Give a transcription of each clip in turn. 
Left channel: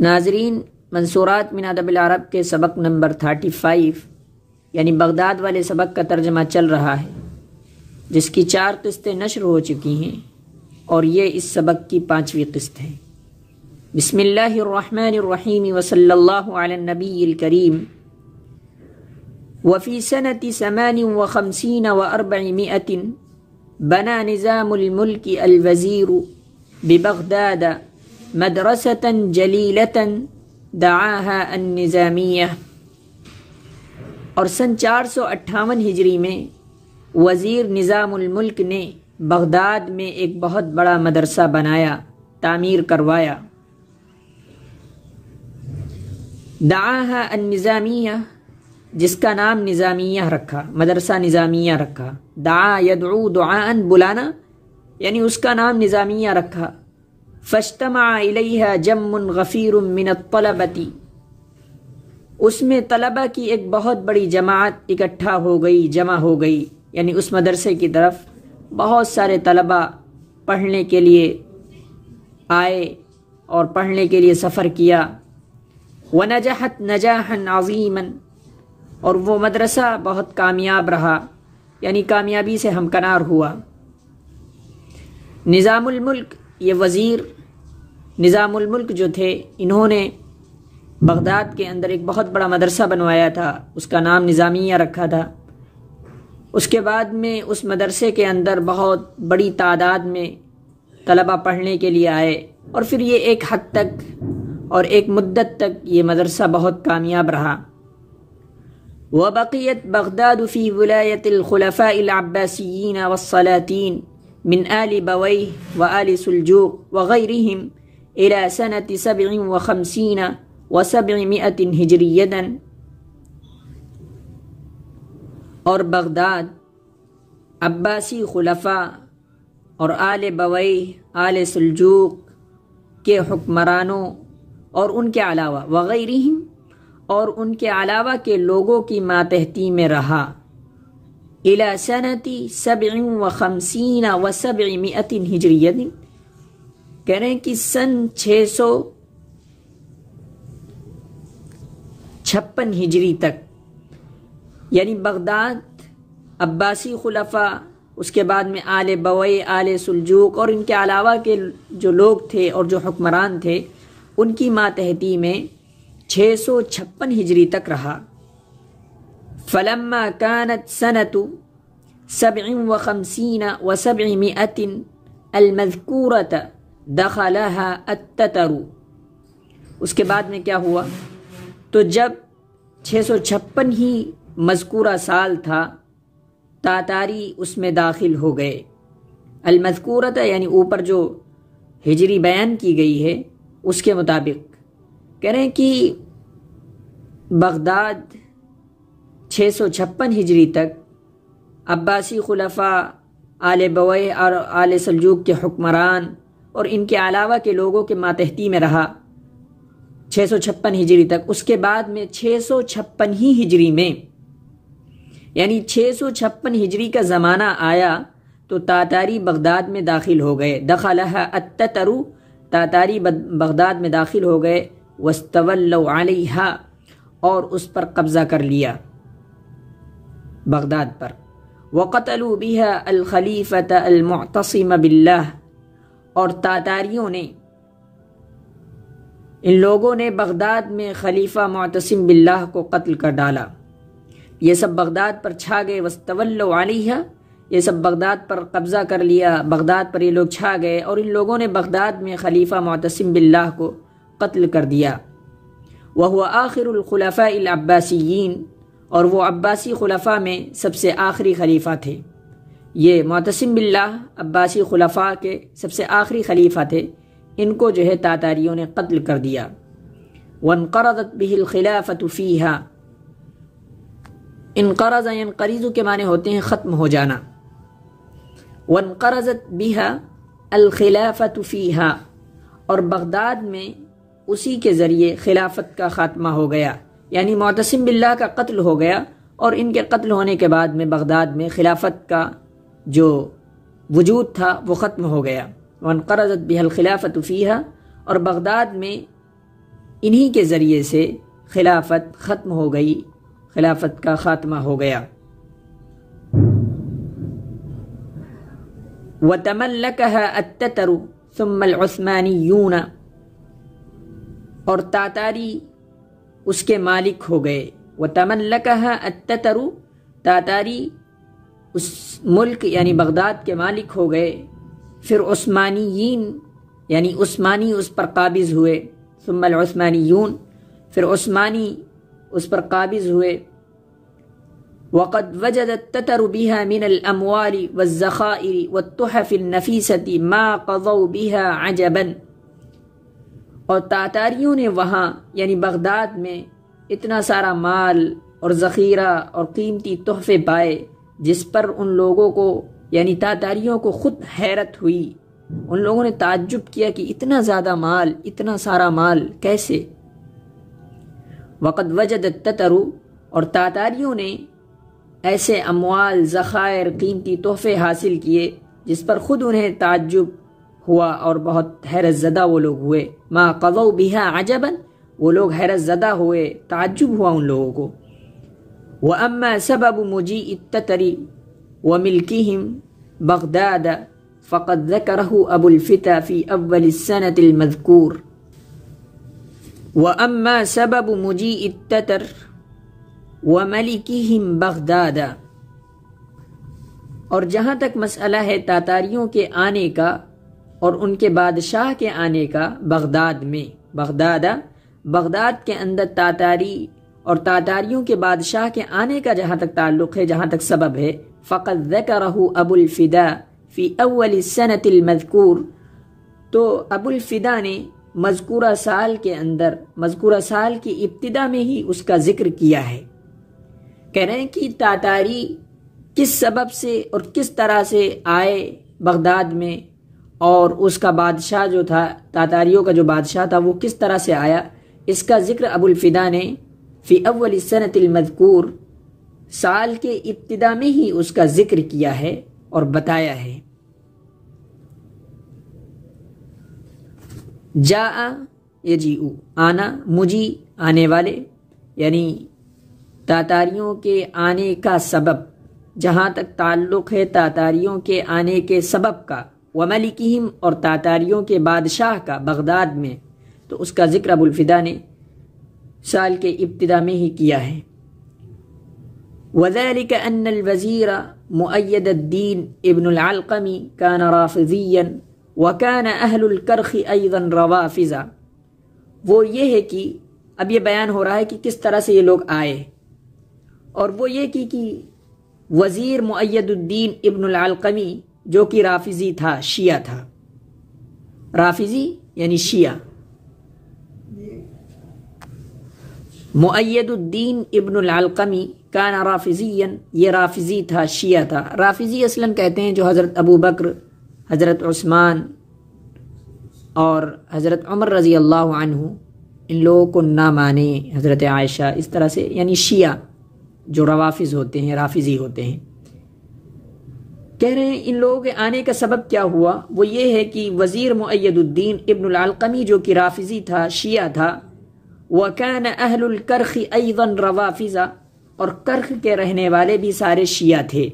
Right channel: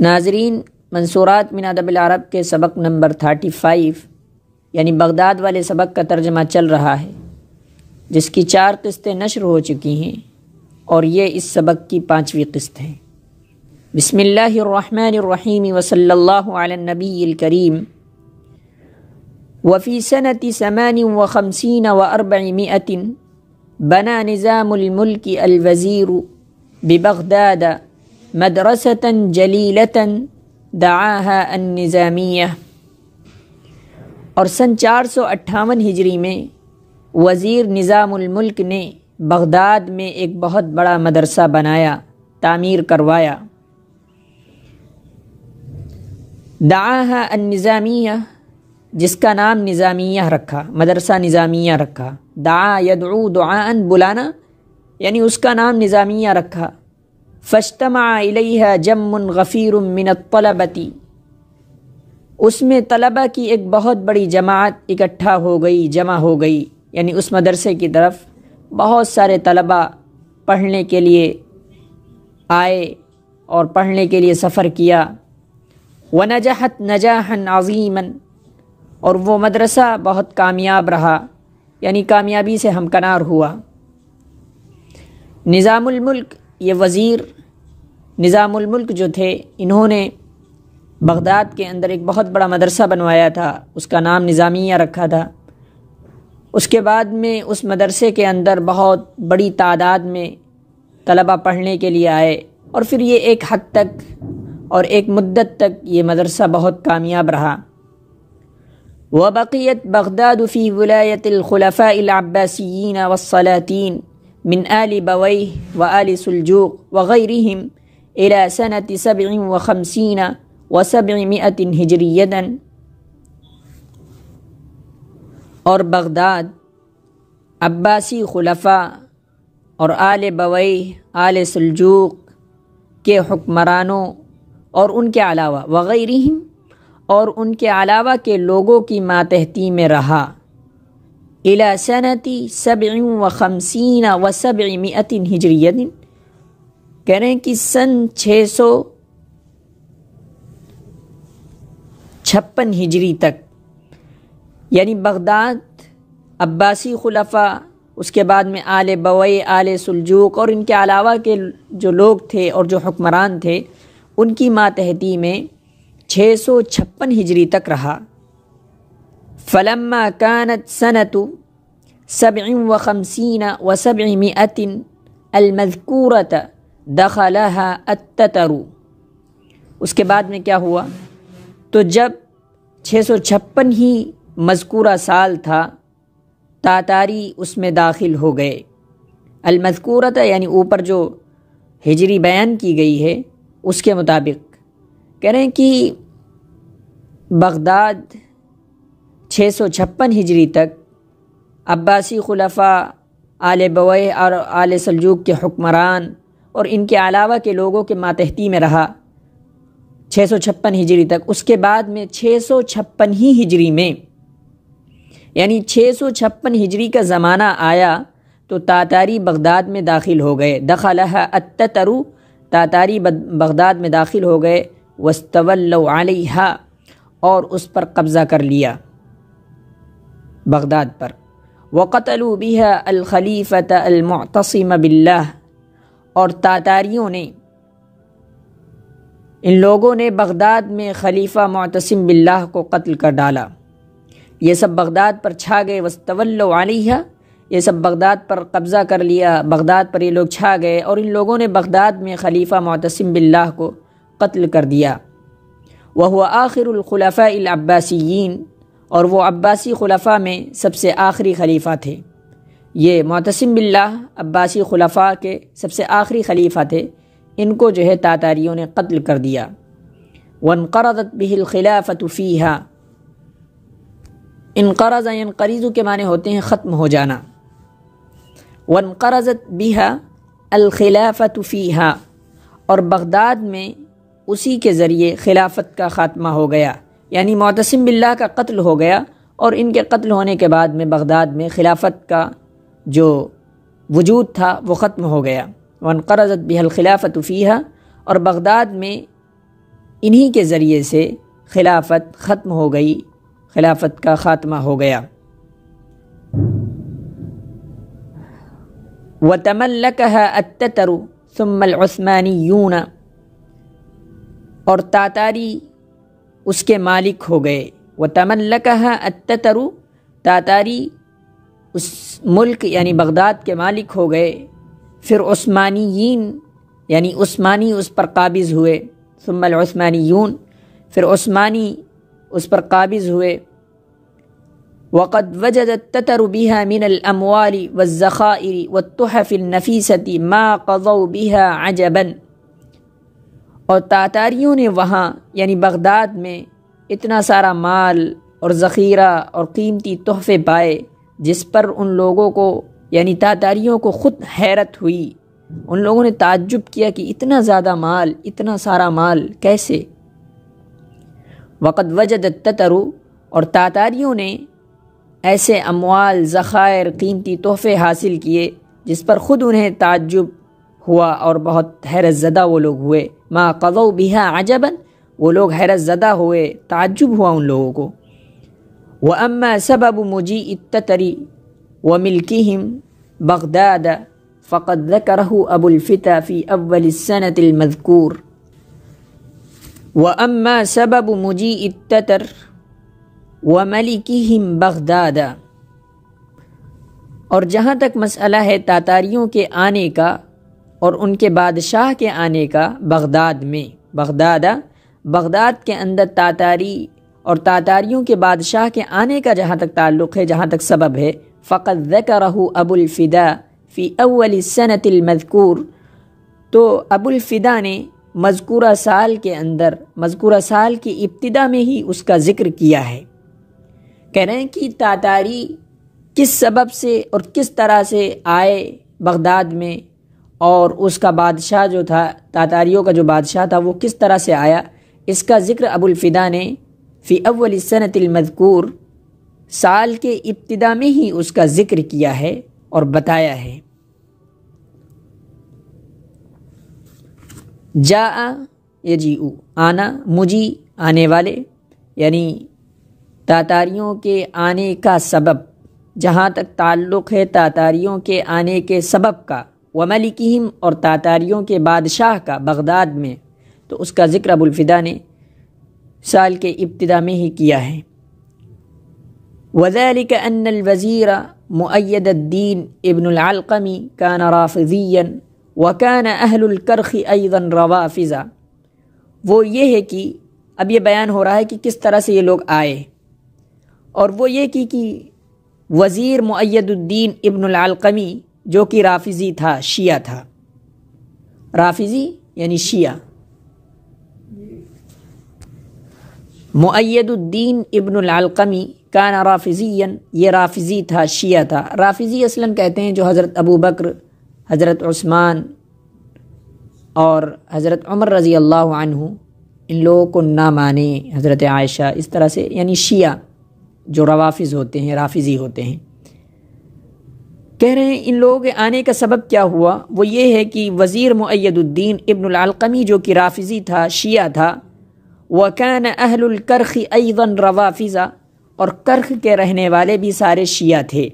ناظرین، منصورات من ادب العرب کے سبق نمبر 35 یعنی بغداد والے سبق کا ترجمہ چل رہا ہے، جس کی 4 قسطیں نشر ہو چکی ہیں اور یہ اس سبق کی 5ویں قسط ہے۔ بسم اللہ الرحمن الرحیم وصلی اللہ علی النبی الکریم۔ وفی سنة 58 و400 بنا نظام الملک الوزیر ببغداد مدرسة جلیلة دعاها النظامیہ، اور سن 458 ہجری میں وزیر نظام الملک نے بغداد میں ایک بہت بڑا مدرسہ بنایا، تعمیر کروایا۔ دعاها النظامیہ، جس کا نام نظامیہ رکھا، مدرسہ نظامیہ رکھا۔ دعا یدعو دعاء، بلانا، یعنی اس کا نام نظامیہ رکھا۔ فاجتمع الیہا جم غفیر من الطلبۃ، اس میں طلبہ کی ایک بہت بڑی جماعت اکٹھا ہو گئی، جمع ہو گئی، یعنی اس مدرسے کی طرف بہت سارے طلبہ پڑھنے کے لیے آئے اور پڑھنے کے لیے سفر کیا۔ ونجحت نجاحا عظیما، اور وہ مدرسہ بہت کامیاب رہا، یعنی کامیابی سے ہمکنار ہوا۔ نظام الملک، یہ وزیر نظام الملک جو تھے، انہوں نے بغداد کے اندر ایک بہت بڑا مدرسہ بنوایا تھا، اس کا نام نظامیہ رکھا تھا۔ اس کے بعد میں اس مدرسے کے اندر بہت بڑی تعداد میں طلبہ پڑھنے کے لیے آئے، اور پھر یہ ایک حد تک اور ایک مدت تک یہ مدرسہ بہت کامیاب رہا۔ وبقیت بغداد فی ولایت الخلفاء العباسیین والسلاطین من آل بویہ وآل سلجوق وغیرہم الى سنة 57 و700 ہجریۃ، اور بغداد عباسی خلفاء اور آل بویہ، آل سلجوق کے حکمرانوں اور ان کے علاوہ وغیرہم، اور ان کے علاوہ کے لوگوں کی ماتحتی میں رہا۔ الی سنة 57 و700 ہجریۃ، کہہ رہے ہیں کہ سن 656 ہجری تک، یعنی بغداد عباسی خلفاء، اس کے بعد میں آل بویہ، آل سلجوق اور ان کے علاوہ کے جو لوگ تھے اور جو حکمران تھے، ان کی ماتحتی میں 656 ہجری تک رہا۔ فلما كانت سنة 57 و700 المذکورۃ دخلها التتر، اس کے بعد میں کیا ہوا؟ تو جب 656 ہی مذکورہ سال تھا، تاتاری اس میں داخل ہو گئے۔ المذکورۃ یعنی اوپر جو ہجری بیان کی گئی ہے اس کے مطابق کہہ رہے ہیں کہ بغداد 656 ہجری تک عباسی خلفاء، آل بویہ اور آل سلجوق کے حکمران اور ان کے علاوہ کے لوگوں کے ماتحتی میں رہا 656 ہجری تک۔ اس کے بعد میں 656 ہی ہجری میں، یعنی 656 ہجری کا زمانہ آیا تو تاتاری بغداد میں داخل ہو گئے۔ دخلها التتر، تاتاری بغداد میں داخل ہو گئے۔ واستولوا علیہا، اور اس پر قبضہ کر لیا، بغداد پر۔ وقتلوا بها الخلیفۃ المعتصم باللہ، اور تاتاریوں نے، ان لوگوں نے بغداد میں خلیفہ معتصم باللہ کو قتل کر ڈالا۔ یہ سب بغداد پر چھا گئے۔ واستولوا علیہا، یہ سب بغداد پر قبضہ کر لیا، بغداد پر یہ لوگ چھا گئے، اور ان لوگوں نے بغداد میں خلیفہ معتصم باللہ کو قتل کر دیا۔ وہو آخر الخلفاء العباسیین، اور وہ عباسی خلفاء میں سب سے آخری خلیفہ تھے۔ یہ معتصم باللہ عباسی خلفاء کے سب سے آخری خلیفہ تھے، ان کو جو ہے تاتاریوں نے قتل کر دیا۔ وانقرضت به الخلافۃ فیہا، انقرض ینقرض کے معنی ہوتے ہیں ختم ہو جانا۔ وانقرضت بها الخلافۃ فیہا، اور بغداد میں اسی کے ذریعے خلافت کا خاتمہ ہو گیا، یعنی معتصم باللہ کا قتل ہو گیا، اور ان کے قتل ہونے کے بعد میں بغداد میں خلافت کا جو وجود تھا وہ ختم ہو گیا۔ وانقرضت بها الخلافۃ فیہا، اور بغداد میں انہی کے ذریعے سے خلافت ختم ہو گئی، خلافت کا خاتمہ ہو گیا۔ وَتَمَلَّكَهَا التَّتَرُ ثُمَّ الْعُثْمَانِيُّونَ، اور تاتاری اس کے مالک ہو گئے۔ وَتَمَلَّكَهَا التَّتَرُ، تاتاری اس ملک یعنی بغداد کے مالک ہو گئے۔ پھر عثمانیین یعنی عثمانی اس پر قابض ہوئے۔ ثم العثمانیون، پھر عثمانی اس پر قابض ہوئے۔ وقد وجد التتر بها من الاموال والذخائر والتحف النفیسة ما قضوا بها عجبا، اور تاتاریوں نے وہاں یعنی بغداد میں اتنا سارا مال اور ذخیرہ اور قیمتی تحفے پائے جس پر ان لوگوں کو یعنی تاتاریوں کو خود حیرت ہوئی۔ ان لوگوں نے تعجب کیا کہ اتنا زیادہ مال، اتنا سارا مال کیسے؟ وقد وجد التتر، اور تاتاریوں نے ایسے اموال، ذخائر، قیمتی تحفے حاصل کیے جس پر خود انہیں تعجب ہوا اور بہت حیرت زدہ وہ لوگ ہوئے۔ ما قضوا بها عجبا، وہ لوگ حیرت زدہ ہوئے، تعجب ہوا ان لوگوں کو۔ وَأَمَّا سَبَبُ مُجِيءِ التَّتَرِ وَمِلْكِهِمْ بغداد فقد ذكره أبو الفتى في أول السنة المذكور۔ وأما سبب مجيء التتر وملكهم بغداد، اور جہاں تک مسئلہ ہے تاتاریوں کے آنے کا اور ان کے بادشاہ کے آنے کا بغداد میں، بغداد کے اندر تاتاری اور تاتاریوں کے بادشاہ کے آنے کا جہاں تک تعلق ہے، جہاں تک سبب ہے، فقد ذكره ابو الفدا فی اول السنة المذکور، تو ابو الفدا نے مذکورہ سال کے اندر، مذکورہ سال کی ابتدا میں ہی اس کا ذکر کیا ہے۔ کہہ رہے ہیں کہ تاتاری کس سبب سے اور کس طرح سے آئے بغداد میں، اور اس کا بادشاہ جو تھا، تاتاریوں کا جو بادشاہ تھا وہ کس طرح سے آیا، اس کا ذکر ابو الفدا نے فی اول السنة المذکور، سال کے ابتدا میں ہی اس کا ذکر کیا ہے اور بتایا ہے۔ جاء یجیء، آنا، مجی آنے والے، یعنی تاتاریوں کے آنے کا سبب، جہاں تک تعلق ہے تاتاریوں کے آنے کے سبب کا، وملکہم، اور تاتاریوں کے بادشاہ کا بغداد میں، تو اس کا ذکر ابو الفدا نے سال کے ابتدا میں ہی کیا ہے۔ وذلك أن الوزير مؤيد الدين ابن العلقمي كان رافضيا وكان أهل الكرخ أيضا روافضا، وہ یہ ہے کہ اب یہ بیان ہو رہا ہے کہ کس طرح سے یہ لوگ آئے، اور وہ یہ کہ وزیر مؤید الدین ابن العلقمی جو کہ رافضی تھا، شیعہ تھا، رافضی یعنی شیعہ، مؤید الدین ابن العلقمی کان رافضیا، یہ رافضی تھا، شیعہ تھا۔ رافضی اصلاً کہتے ہیں جو حضرت ابو بکر، حضرت عثمان اور حضرت عمر رضی اللہ عنہ ان لوگوں کو نہ مانے، حضرت عائشہ، اس طرح سے، یعنی شیعہ جو روافض ہوتے ہیں، رافضی ہوتے ہیں۔ کہہ رہے ہیں ان لوگوں کے آنے کا سبب کیا ہوا، وہ یہ ہے کہ وزیر مؤید الدین ابن العلقمی جو کہ رافضی تھا، شیعہ تھا، وَكَانَ أَهْلُ الْكَرْخِ أَيْضًا رَوَافِضَ، اور کرخ کے رہنے والے بھی سارے شیعہ تھے۔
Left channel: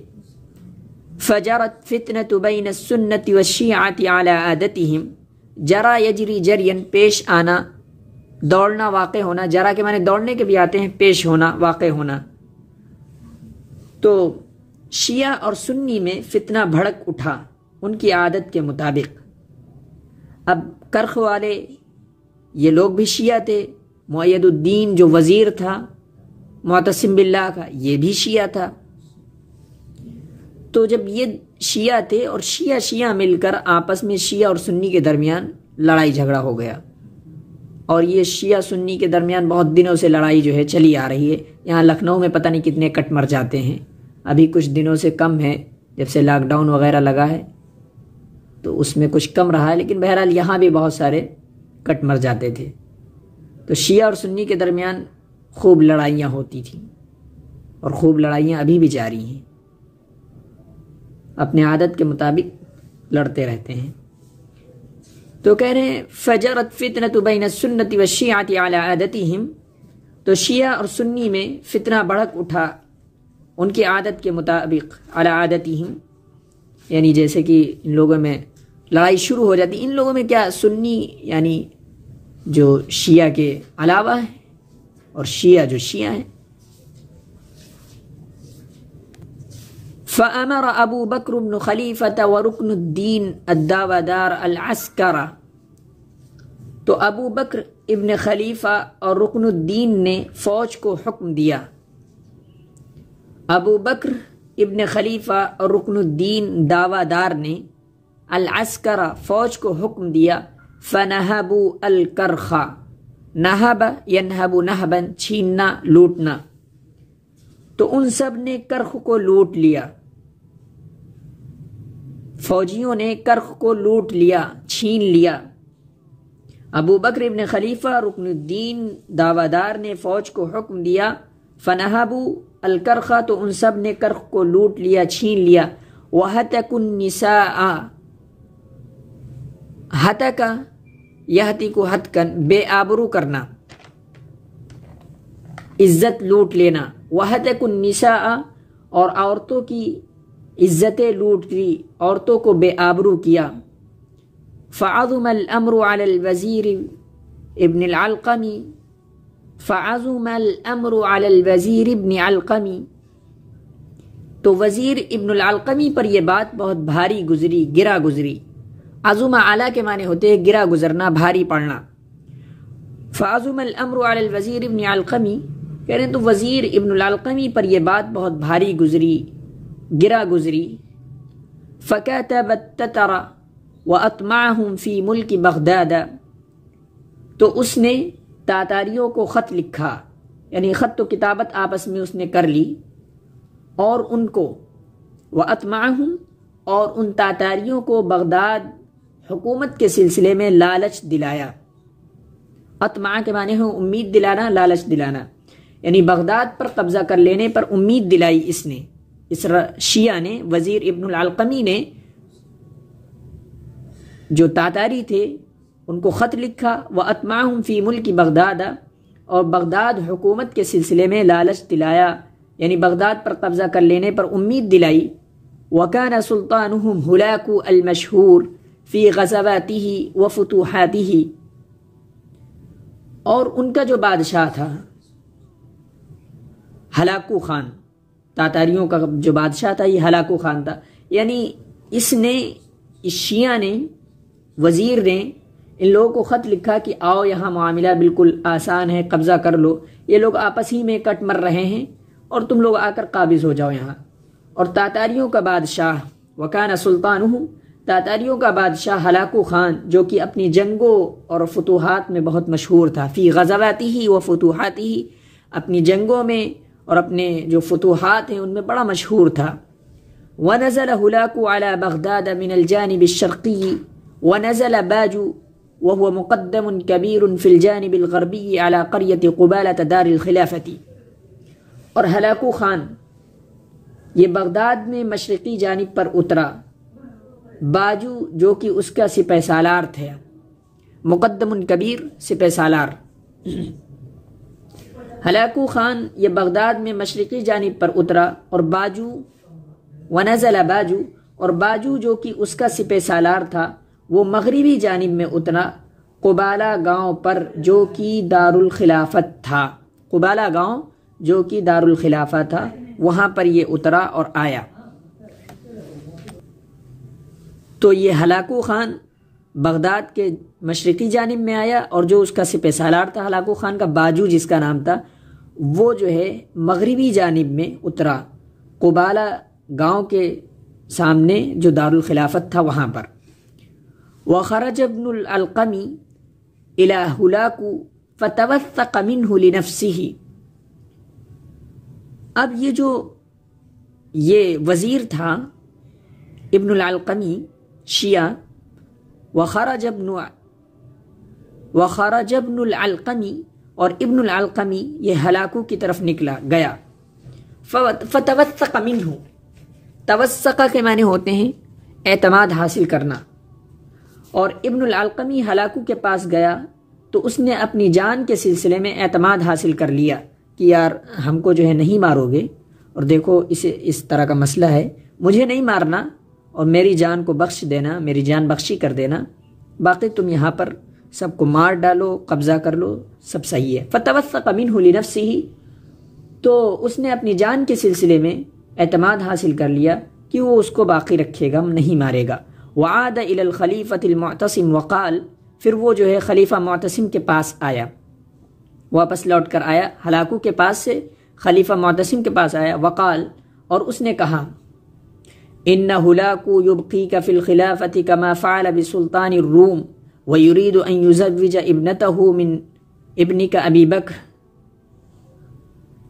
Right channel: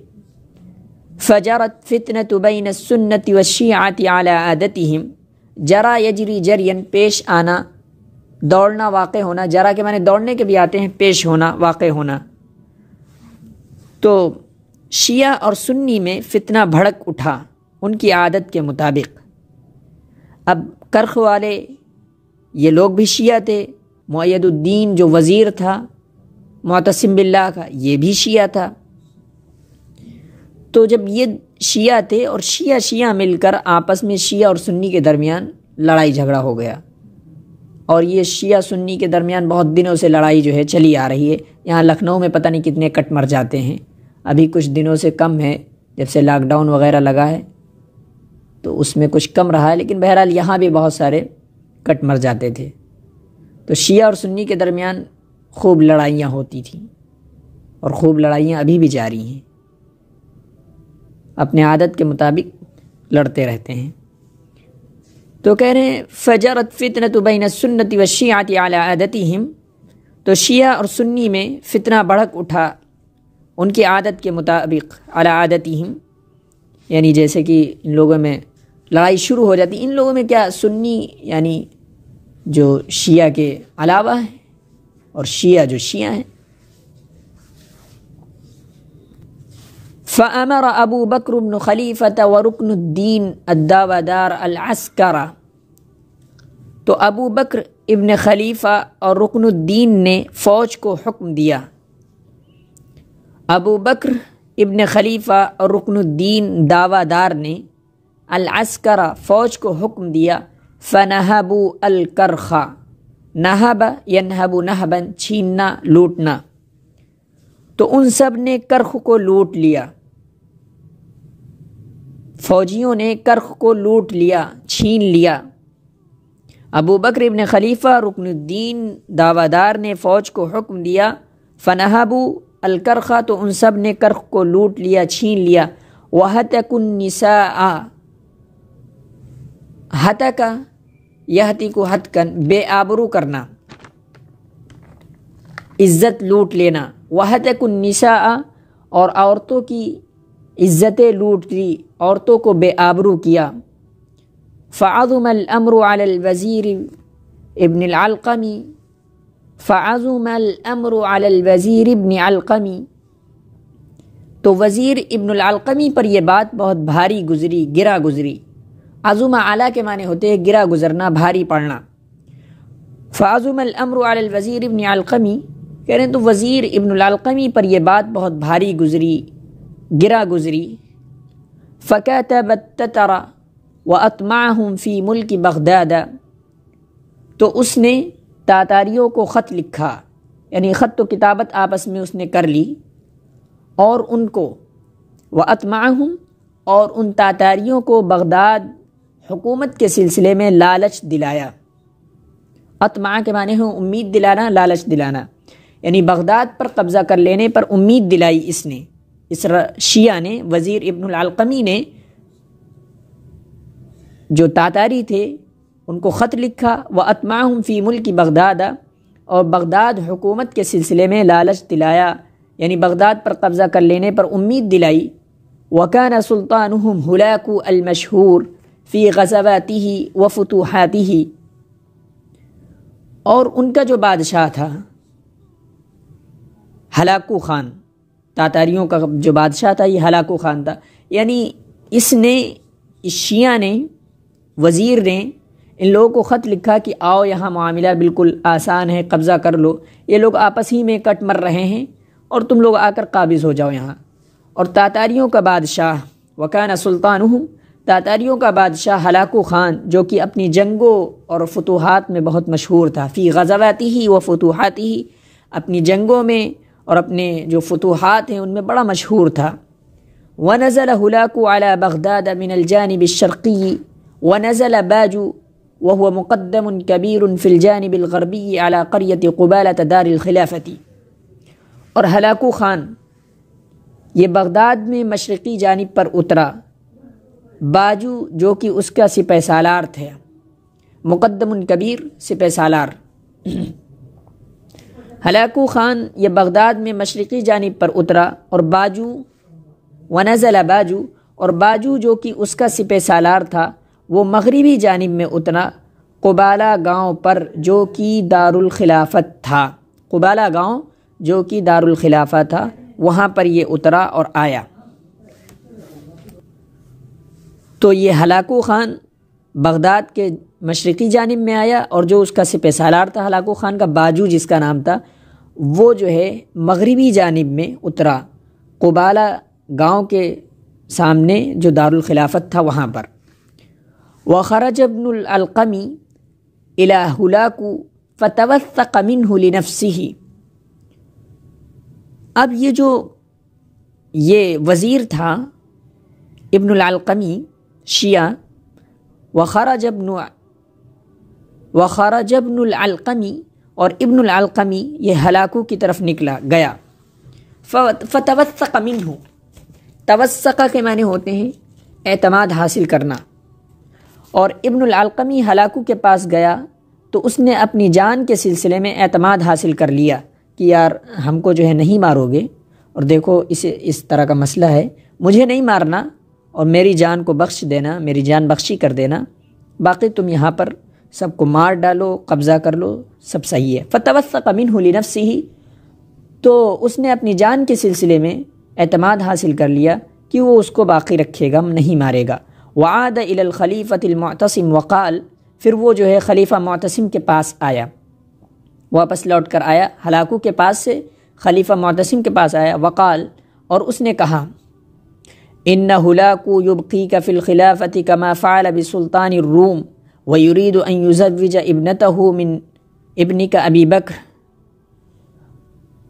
فَجَرَتْ فِتْنَةُ بَيْنَ السُّنَّةِ وَالشِّيعَةِ عَلَىٰ عَادَتِهِمْ، جرا یجری جرین، پیش آنا، دوڑنا، واقع ہونا، جرا کے معنی دوڑنے کے بھی آتے ہیں، پیش ہونا، واقع ہونا۔ تو شیعہ اور سنی میں فتنہ بھڑک اٹھا ان کی عادت کے مطابق۔ اب کرخ والے یہ لوگ بھی شیعہ تھے، مؤید الدین جو وزیر تھا معتصم باللہ کا، یہ بھی شیعہ تھا۔ تو جب یہ شیعہ تھے اور شیعہ مل کر آپس میں شیعہ اور سنی کے درمیان لڑائی جھگڑا ہو گیا، اور یہ شیعہ سنی کے درمیان بہت دنوں سے لڑائی جو ہے چلی آ رہی ہے۔ یہاں لکھنؤ میں پتہ نہیں کتنے کٹ مر جاتے ہیں، ابھی کچھ دنوں سے کم ہے، جب سے لاک ڈاؤن وغیرہ لگا ہے تو اس میں کچھ کم رہا ہے، لیکن بہرحال یہاں بھی بہت سارے کٹ مر جاتے تھے۔ تو شیعہ اور سنی کے درمیان خوب لڑائیاں ہوتی تھیں، اور خوب لڑائیاں ابھی بھی جاری ہیں، اپنے عادت کے مطابق لڑتے رہتے ہیں۔ تو کہہ رہے ہیں فجرت فتنۃ بین السنۃ والشیعۃ علی عادتہم، تو شیعہ اور سنی میں فتنہ بھڑک اٹھا ان کی عادت کے مطابق، علی عادتہم یعنی جیسے کہ ان لوگوں میں لڑائی شروع ہو جاتی. ان لوگوں میں کیا سنی یعنی جو شیعہ کے علاوہ ہیں اور شیعہ جو شیعہ ہیں. فأمر ابو بکر بن خلیفۃ ورکن الدین الداودار العسکر، تو ابو بکر ابن خلیفہ اور رکن الدین نے فوج کو حکم دیا. ابو بکر ابن خلیفہ اور رکن الدین داودار نے العسکر فوج کو حکم دیا. فنہبوا الکرخ، نہب ینہب نہبا چھیننا لوٹنا، تو ان سب نے کرخ کو لوٹ لیا. فوجیوں نے کرخ کو لوٹ لیا، چھین لیا. ابو بکر ابن خلیفہ رکن الدین داودار نے فوج کو حکم دیا. فنہبوا الکرخ، تو ان سب نے کرخ کو لوٹ لیا، چھین لیا. وہتکوا النساء، ہتک یہتک ہتکن بے آبرو کرنا، عزت لوٹ لینا. وہتکوا النساء، اور عورتوں کی عزتیں لوٹ لی، عورتوں کو بے آبرو کیا. فعظم الامر علی الوزیر ابن العلقمی، فعظم الامر علی الوزیر ابن علقمی، تو وزیر ابن العلقمی پر یہ بات بہت بھاری گزری، گرا گزری. عظم اعلیٰ کے معنی ہوتے ہیں گرا گزرنا، بھاری پڑنا. فعظم الامر علی الوزیر ابن علقمی، کہہ رہے ہیں تو وزیر ابن العلقمی پر یہ بات بہت بھاری گزری، گرا گزری. فکتب التتر واطمعهم فی ملک بغداد، تو اس نے تاتاریوں کو خط لکھا، یعنی خط و کتابت آپس میں اس نے کر لی، اور ان کو واطمعهم، اور ان تاتاریوں کو بغداد حکومت کے سلسلے میں لالچ دلایا. اطمع کے معنی ہے امید دلانا، لالچ دلانا، یعنی بغداد پر قبضہ کر لینے پر امید دلائی اس نے، اس شیعہ نے، وزیر ابن العلقمی نے. جو تاتاری تھے ان کو خط لکھا. وَأَطْمَعَهُمْ فِي مُلْكِ بغداد، اور بغداد حکومت کے سلسلے میں لالچ دلایا، یعنی بغداد پر قبضہ کر لینے پر امید دلائی. وَكَانَ سُلْطَانُهُمْ هُلَاكُ الْمَشْهُورُ فِي غَزَوَاتِهِ وَفُتُوحَاتِهِ، اور ان کا جو بادشاہ تھا ہلاکو خان، تاتاریوں کا جو بادشاہ تھا یہ ہلاکو خان تھا. یعنی اس نے، اس شیعہ نے، وزیر نے ان لوگوں کو خط لکھا کہ آؤ یہاں معاملہ بالکل آسان ہے، قبضہ کر لو، یہ لوگ آپس ہی میں کٹ مر رہے ہیں اور تم لوگ آ کر قابض ہو جاؤ یہاں. اور تاتاریوں کا بادشاہ وکان سلطانہ، تاتاریوں کا بادشاہ ہلاکو خان، جو کہ اپنی جنگوں اور فتوحات میں بہت مشہور تھا. فی غزواتہ و فتوحاتہ، اپنی جنگوں میں اور اپنے جو فتوحات ہیں ان میں بڑا مشہور تھا. ونزل هلاكو على بغداد من الجانب الشرقي، ونزل باجو وهو مقدم كبير في الجانب الغربي على قرية قبالة دار الخلافة. اور ہلاکو خان یہ بغداد میں مشرقی جانب پر اترا. باجو جو کہ اس کا سپہ سالار تھا، مقدم کبیر سپہ سالار. ہلاکو خان یہ بغداد میں مشرقی جانب پر اترا، اور باجو ونزل باجو، اور باجو جو کہ اس کا سپہ سالار تھا وہ مغربی جانب میں اترا، قبالہ گاؤں پر جو کہ دارالخلافت تھا. قبالہ گاؤں جو کہ دارالخلافہ تھا وہاں پر یہ اترا اور آیا. تو یہ ہلاکو خان بغداد کے مشرقی جانب میں آیا، اور جو اس کا سپہ سالار تھا ہلاکو خان کا، باجو جس کا نام تھا، وہ جو ہے مغربی جانب میں اترا، قبالہ گاؤں کے سامنے جو دارالخلافت تھا وہاں پر. وخرج ابن العلقمی الى هلاكو فتوثق منه لنفسه. اب یہ وزیر تھا ابن العلقمی شیعہ. وخرج ابن العلقمی، اور ابن العلقمی یہ ہلاکو کی طرف نکلا گیا. فتوثق منه، توثق کے معنی ہوتے ہیں اعتماد حاصل کرنا. اور ابن العلقمی ہلاکو کے پاس گیا تو اس نے اپنی جان کے سلسلے میں اعتماد حاصل کر لیا کہ یار ہم کو جو ہے نہیں مارو گے، اور دیکھو اس طرح کا مسئلہ ہے، مجھے نہیں مارنا اور میری جان کو بخش دینا، میری جان بخشی کر دینا، باقی تم یہاں پر سب کو مار ڈالو، قبضہ کر لو، سب صحیح ہے۔ فتوثق منہ لنفسہ، تو اس نے اپنی جان کے سلسلے میں اعتماد حاصل کر لیا کہ وہ اس کو باقی رکھے گا، نہیں مارے گا۔ وعاد الی الخلیفۃ المعتصم وقال، پھر وہ جو ہے خلیفہ معتصم کے پاس آیا، واپس لوٹ کر آیا ہلاکو کے پاس سے، خلیفہ معتصم کے پاس آیا، وقال، اور اس نے کہا ان ہلاکو یبقیک فی الخلافۃ کما فعل بسلطان الروم ویرید ان یزوج ابنتہ من ابنک ابی بکر۔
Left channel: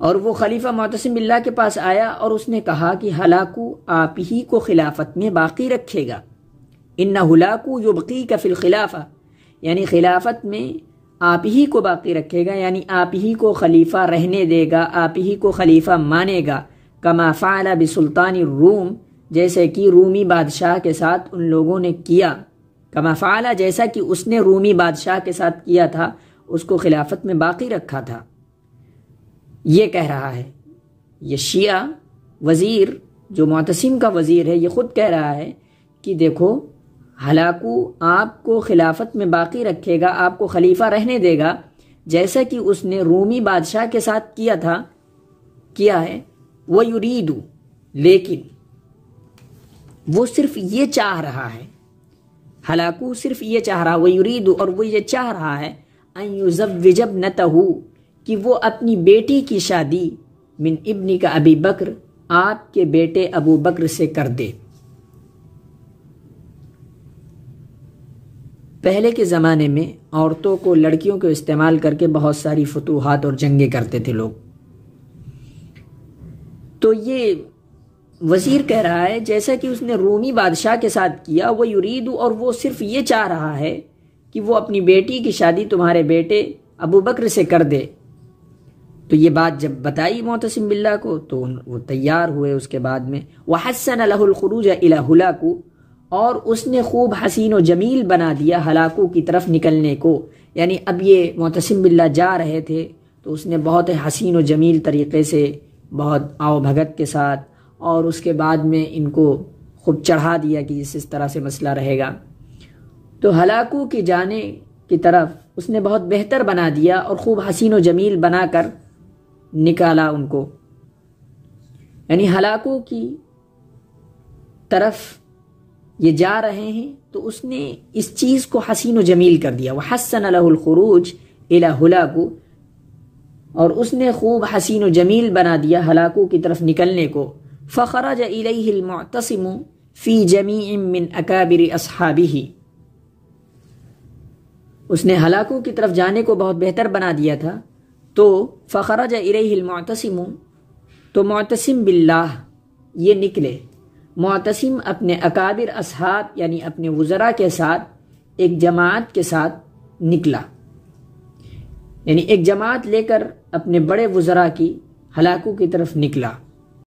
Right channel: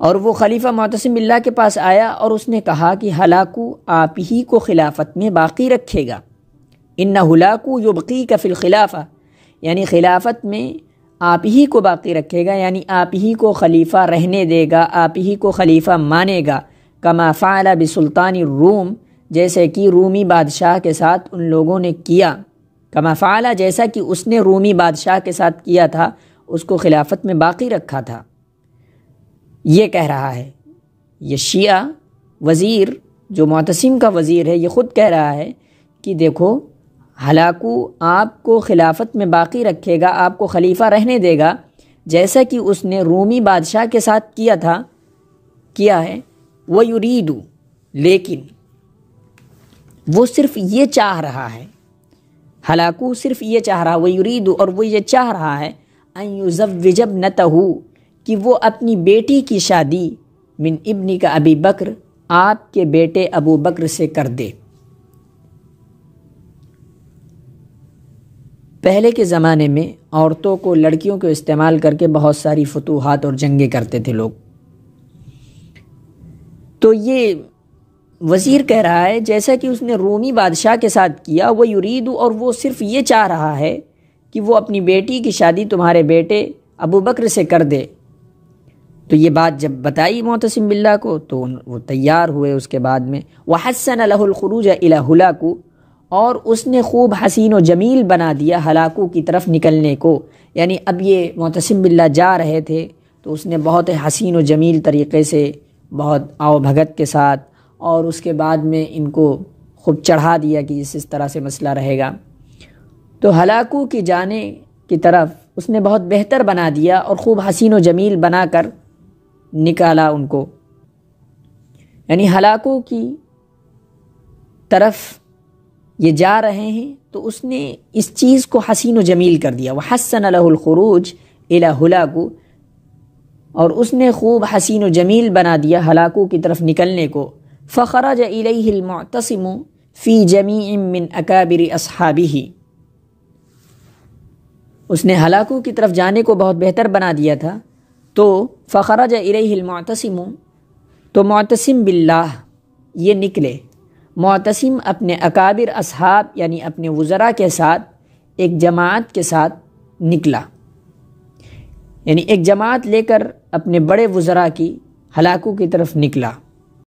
اور وہ خلیفہ معتصم باللہ کے پاس آیا اور اس نے کہا کہ ہلاکو آپ ہی کو خلافت میں باقی رکھے گا، ان ہلاکو یبقیک فی الخلافہ، یعنی خلافت میں آپ ہی کو باقی رکھے گا، یعنی آپ ہی کو خلیفہ رہنے دے گا، آپ ہی کو خلیفہ مانے گا، کما فعل بسلطان الروم، جیسے کہ رومی بادشاہ کے ساتھ ان لوگوں نے کیا، کما فعل، جیسا کہ اس نے رومی بادشاہ کے ساتھ کیا تھا، اس کو خلافت میں باقی رکھا تھا۔ یہ کہہ رہا ہے یہ شیعہ وزیر جو معتصم کا وزیر ہے، یہ خود کہہ رہا ہے کہ دیکھو ہلاکو آپ کو خلافت میں باقی رکھے گا، آپ کو خلیفہ رہنے دے گا، جیسا کہ اس نے رومی بادشاہ کے ساتھ کیا تھا، کیا ہے۔ وَيُرِيدُ، لیکن وہ صرف یہ چاہ رہا ہے، ہلاکو صرف یہ چاہ رہا، وَيُرِيدُ، اور وہ یہ چاہ رہا ہے، أَن يُزَوِّجَ ابْنَتَهُ، کہ وہ اپنی بیٹی کی شادی من ابن کا ابی بکر، آپ کے بیٹے ابو بکر سے کر دے۔ پہلے کے زمانے میں عورتوں کو، لڑکیوں کو استعمال کر کے بہت ساری فتوحات اور جنگیں کرتے تھے لوگ، تو یہ وزیر کہہ رہا ہے جیسا کہ اس نے رومی بادشاہ کے ساتھ کیا، وہ یرید، اور وہ صرف یہ چاہ رہا ہے کہ وہ اپنی بیٹی کی شادی تمہارے بیٹے ابو بکر سے کر دے۔ تو یہ بات جب بتائی معتصم باللہ کو تو وہ تیار ہوئے اس کے بعد میں، وَحَسَّنَ لَهُ الْخُرُوجَ إِلَى هُلَاكُ، اور اس نے خوب حسین و جمیل بنا دیا ہلاکو کی طرف نکلنے کو، یعنی اب یہ معتصم باللہ جا رہے تھے تو اس نے بہت حسین و جمیل طریقے سے، بہت آؤ بھگت کے ساتھ، اور اس کے بعد میں ان کو خوب چڑھا دیا کہ اس طرح سے مسئلہ رہے گا، تو ہلاکو کی جانے کی طرف اس نے بہت بہتر بنا دیا اور خوب حسین و جمیل بنا کر نکالا ان کو، یعنی ہلاکو کی طرف یہ جا رہے ہیں تو اس نے اس چیز کو حسین و جمیل کر دیا، وَحَسَّنَ لَهُ الْخُرُوجَ إِلَى هُلَاكُ، اور اس نے خوب حسین و جمیل بنا دیا ہلاکو کی طرف نکلنے کو۔ فَخَرَجَ إِلَيْهِ الْمُعْتَصِمُ فِي جَمِيعٍ مِّنْ أَكَابِرِ أَصْحَابِهِ، اس نے ہلاکو کی طرف جانے کو بہت بہتر بنا دیا تھا، تو فخرج الیہ المعتصم، تو معتصم باللہ یہ نکلے، معتصم اپنے اکابر اصحاب یعنی اپنے وزراء کے ساتھ ایک جماعت کے ساتھ نکلا، یعنی ایک جماعت لے کر اپنے بڑے وزراء کی ہلاکو کی طرف نکلا۔